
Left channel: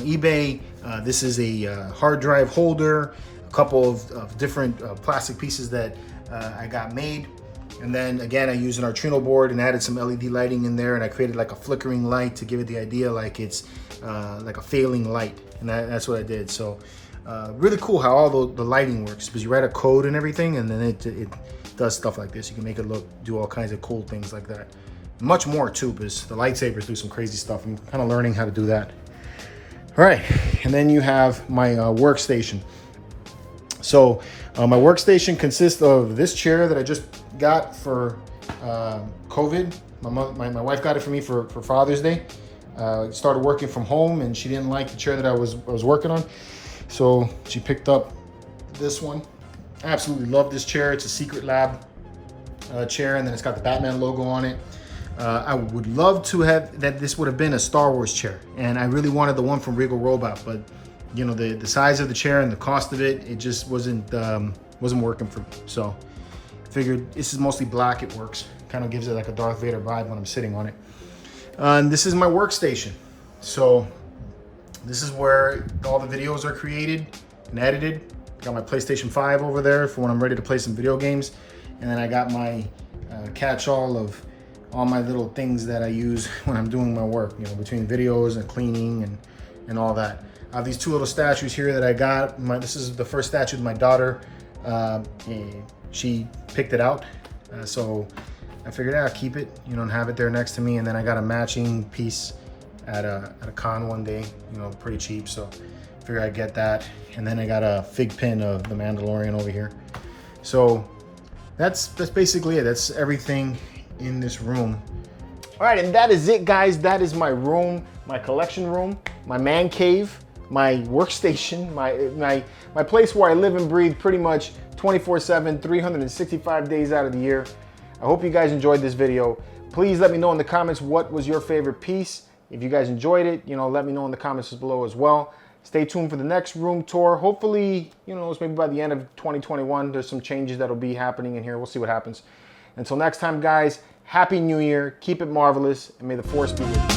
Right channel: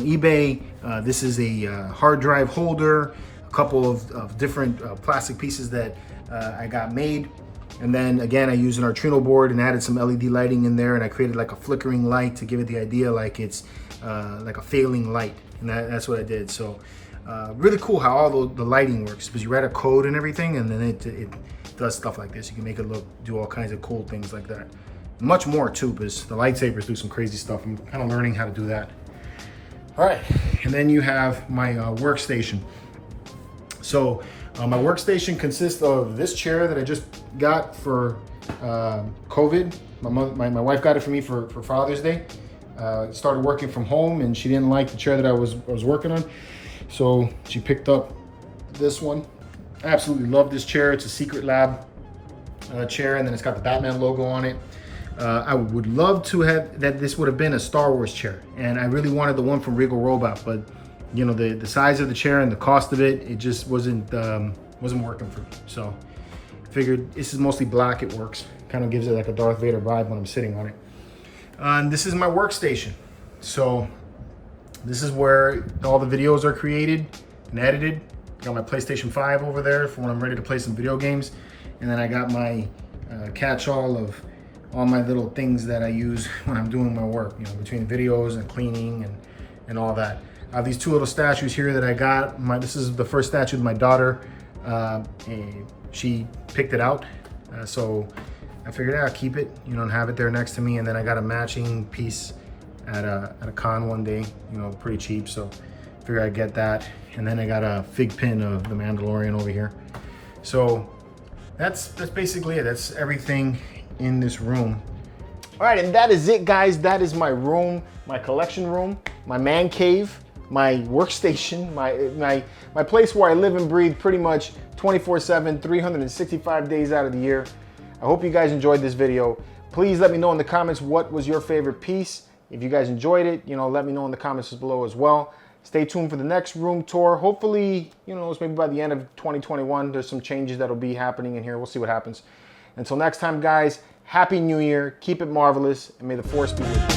eBay. This is a hard drive holder, a couple of different plastic pieces that I got made. And then again, I used an Arduino board and added some LED lighting in there, and I created like a flickering light to give it the idea like it's like a failing light. And that's what I did. So really cool how all the lighting works, because you write a code and everything, and then it does stuff like this. You can make it do all kinds of cool things like that. Much more too, because the lightsabers do some crazy stuff. I'm kind of learning how to do that. All right, and then you have my workstation. So my workstation consists of this chair that I just got for COVID. My wife got it for me for Father's Day. Started working from home, and she didn't like the chair that I was working on, so she picked up this one. I absolutely love this chair. It's a Secret Lab chair, and then it's got the Batman logo on it. I would love to have that. This would have been a Star Wars chair, and I really wanted the one from Regal Robot, but the size of the chair and the cost of it just wasn't working for me. So I figured this is mostly black. It works. Kind of gives it like a Darth Vader vibe when I'm sitting on it. And this is my workstation. So this is where all the videos are created and edited. Got my PlayStation 5 over there for when I'm ready to play some video games. And then I got my catch-all of all my little things that I use when I'm doing my work, you know, between videos and cleaning and all that. I have these two little statues here that I got. This is the first statue of my daughter. She picked it out. So I figured I'll keep it, you know, and have it there next to me. And then I got a matching piece at a con one day, you know, pretty cheap. So I figured I'd get that. And then I got a fig pin of the Mandalorian over here. So that's basically it. That's everything in this room. All right, and that is it, guys. That is my room, my collection room, my man cave, my workstation, my place where I live and breathe pretty much 24/7, 365 days out of the year. I hope you guys enjoyed this video. Please let me know in the comments what was your favorite piece. If you guys enjoyed it, you know, let me know in the comments below as well. Stay tuned for the next room tour. Hopefully, you know, it's maybe by the end of 2021, there's some changes that'll be happening in here. We'll see what happens. Until next time, guys, Happy New Year. Keep it marvelous, and may the force be with you.